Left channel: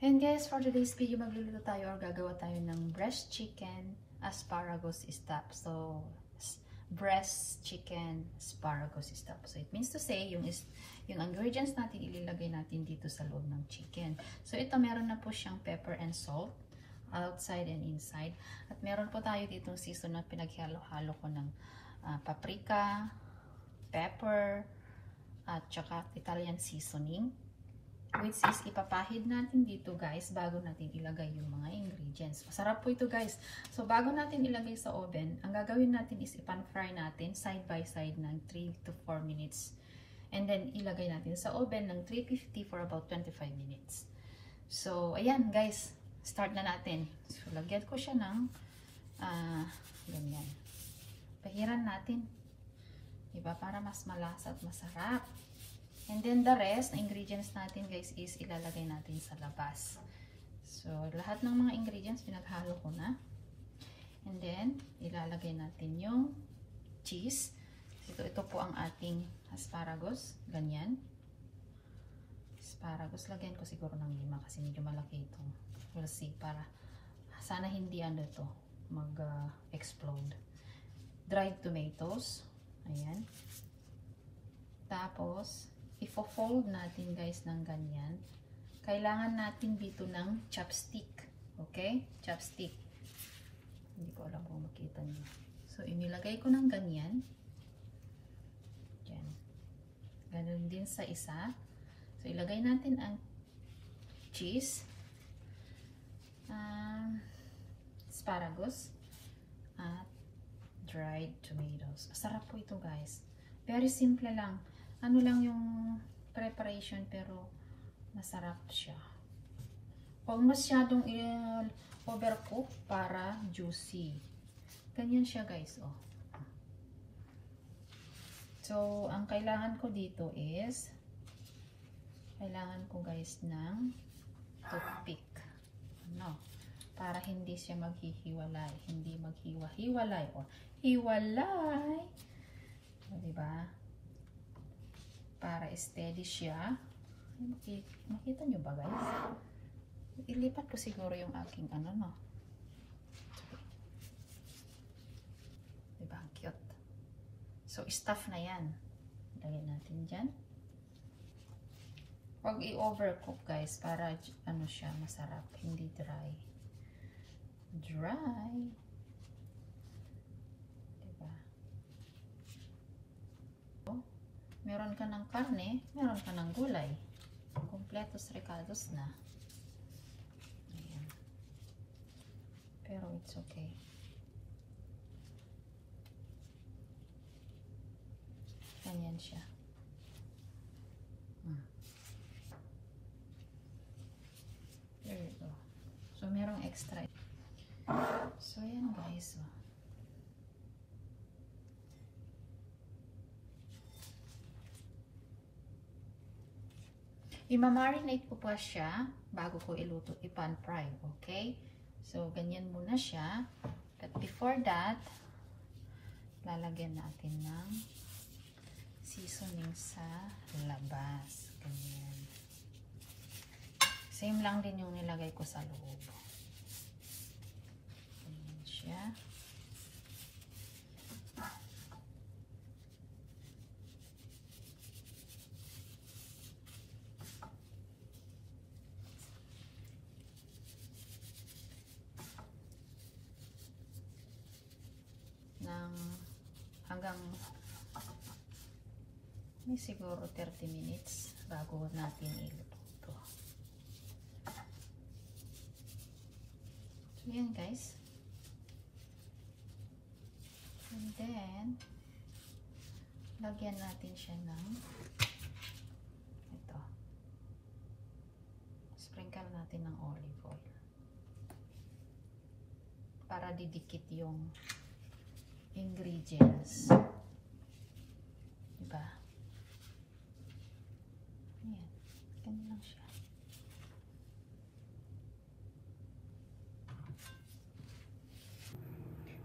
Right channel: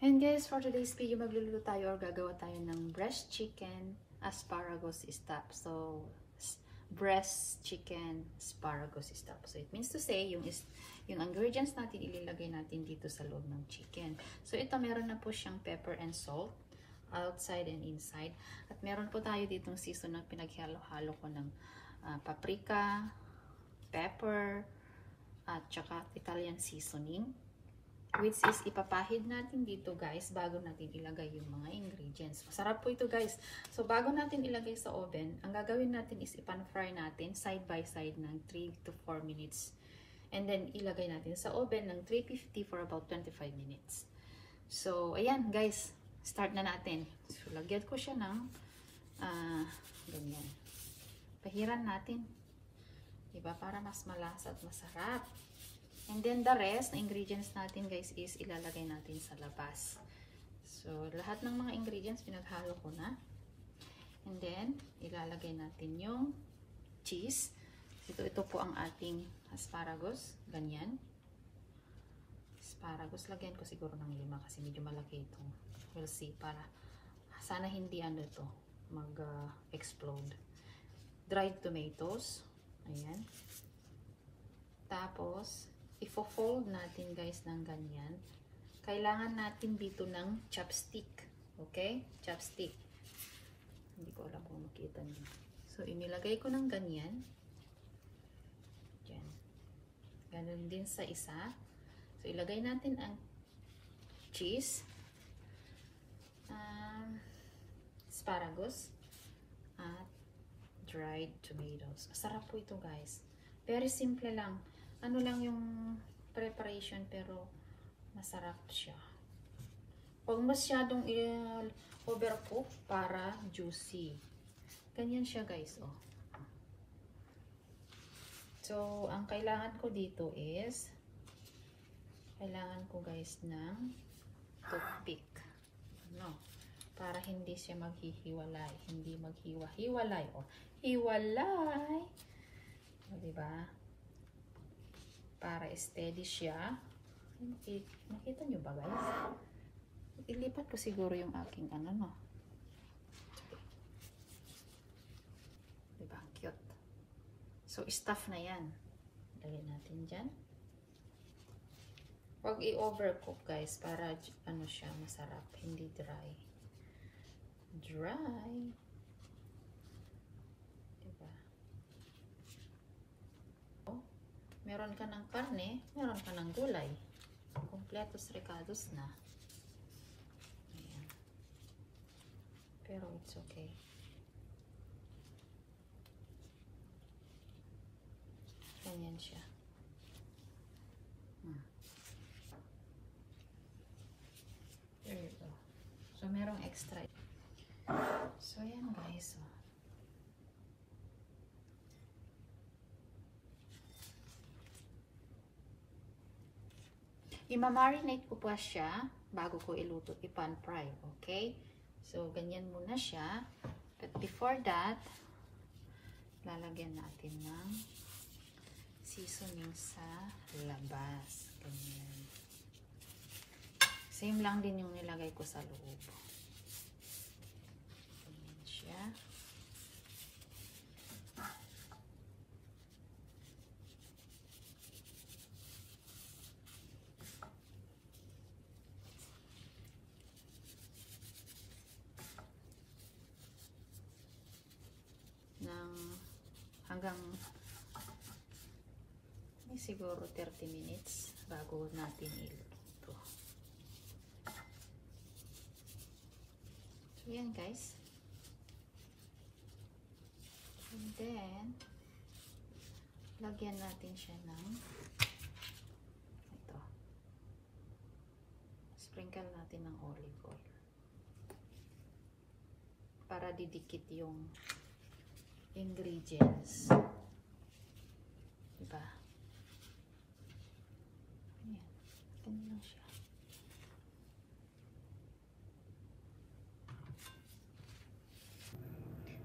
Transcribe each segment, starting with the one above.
And guys, for today's video, magluluto tayo or gagawa tayo ng breast chicken asparagus stuff. So, breast chicken asparagus stuff. So, it means to say, yung ingredients natin, ililagay natin dito sa loob ng chicken. So, ito meron na po siyang pepper and salt, outside and inside. At meron po tayo ditong season na pinaghalo-halo ko ng paprika, pepper, at saka Italian seasoning. Which is ipapahid natin dito guys bago natin ilagay yung mga ingredients. Masarap po ito guys. So bago natin ilagay sa oven, ang gagawin natin is ipan-fry natin side by side ng 3 to 4 minutes. And then ilagay natin sa oven ng 350 for about 25 minutes. So ayan guys, start na natin. So lagyan ko siya ng ganyan. Pahiran natin. Diba? Para mas malasa at masarap. And then the rest, ingredients natin guys is ilalagay natin sa labas. So, lahat ng mga ingredients pinaghalo ko na. And then, ilalagay natin yung cheese. Ito po ang ating asparagus. Ganyan. Asparagus. Lagyan ko siguro ng 5 kasi medyo malaki ito. We'll see. Para sana hindi ito mag-explode. Dried tomatoes. Ayan. Tapos, ifo-fold natin guys ng ganyan. Kailangan natin dito ng chopstick. Okay? Chopstick. Hindi ko alam kung makita niyo. So, inilagay ko ng ganyan. Diyan. Ganun din sa isa. So, ilagay natin ang cheese. Asparagus. At dried tomatoes. Masarap po ito guys. Very simple lang. Ano lang yung preparation pero masarap siya. Huwag masyadong overcook para juicy. Ganyan siya guys. Oh. So, ang kailangan ko dito is kailangan ko guys ng toothpick. No? Para hindi siya maghihiwalay. Hindi maghiwa-hiwalay. O, hiwalay! O, diba? Para steady siya. Nakita nyo ba guys? Ilipat ko siguro yung aking no. Diba? Cute. So, stuff na yan. Lagyan natin dyan. Huwag i-overcook guys para siya masarap. Hindi dry. Dry. Meron ka ng karne, meron ka ng gulay. Kompletos recados na. Ayan. Pero it's okay. Ganyan siya. There you go. So, merong extra. So, ayan guys. Oh. I-marinate ko pa siya bago ko iluto, ipan-fry, okay? So, ganyan muna siya. But before that, lalagyan natin ng seasoning sa labas. Ganyan. Same lang din yung nilagay ko sa loob. Ganyan siya. Hanggang siguro 30 minutes bago natin iluto. So, yan guys. And then, lagyan natin siya ng ito. Sprinkle natin ng olive oil. Para didikit yung ingredients. Diba? Ayan. Ganun lang siya.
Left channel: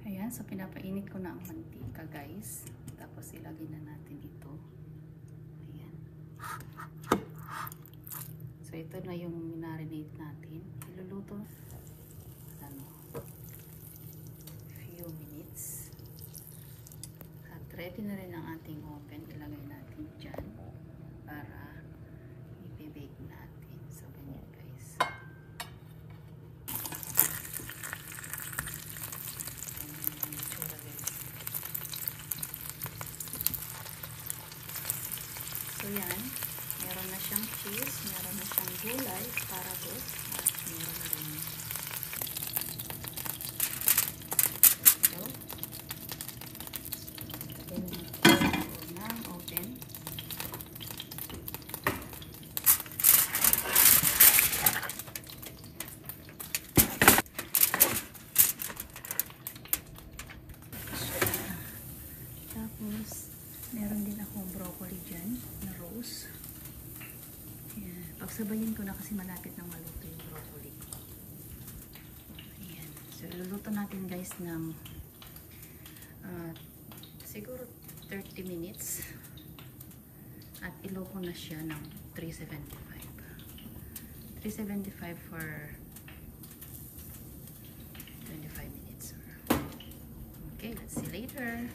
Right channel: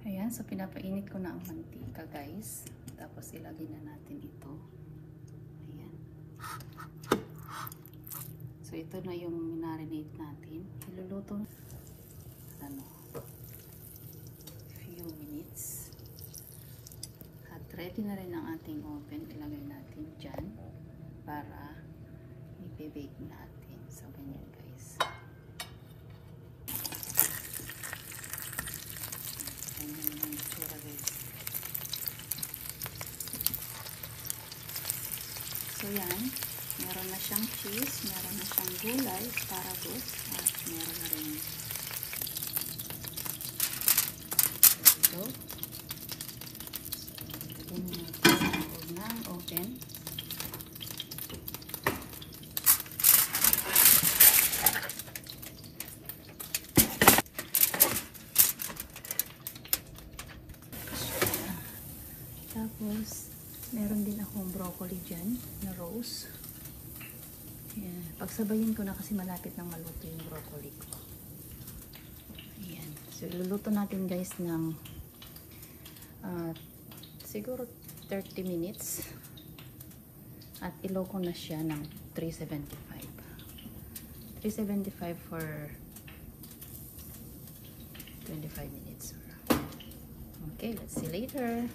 Ayan. So, pinapainit ko na ang mantika, guys. Tapos, ilagay na natin ito. Ayan. So, So, ito na yung minarinate natin. Iluluto few minutes. At ready na rin ang ating oven. Ilagay natin dyan para i-bake natin. So, ganyan guys. Ganyan ang itsura guys. So, yan. Meron na siyang cheese, meron na siyang gulay, asparagus, at meron na rin ito. Ito na ang oven. Tapos, meron din akong broccoli dyan na rose. Ayan. Pagsabayin ko na kasi malapit nang maluto yung broccoli ko. Ayan. So, luluto natin guys ng siguro 30 minutes. At ilow ko na siya ng 375. 375 for 25 minutes. Okay, let's see later.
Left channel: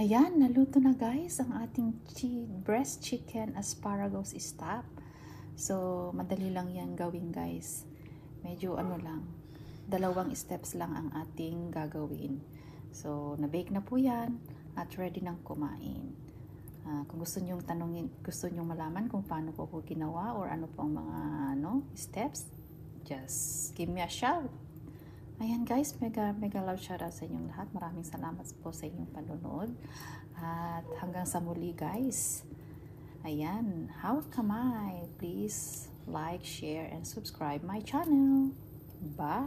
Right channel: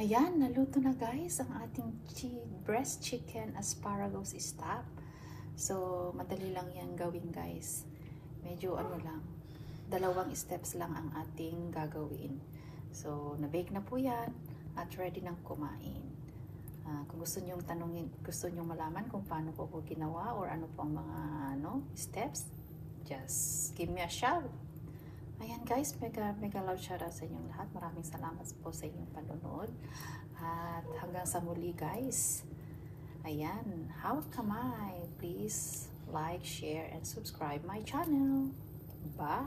Ayan, naluto na guys ang ating breast chicken asparagus stuff. So, madali lang yan gawin guys. Medyo ano lang, 2 steps lang ang ating gagawin. So, na-bake na po yan at ready nang kumain. Kung gusto nyo tanongin, gusto nyo malaman kung paano ko po ginawa or ano po ang mga steps, just give me a shout. Ayan guys, mega love shout out sa inyong lahat. Maraming salamat po sa inyong panonood. At hanggang sa muli guys. Ayan, how come I? Please like, share, and subscribe my channel. Bye!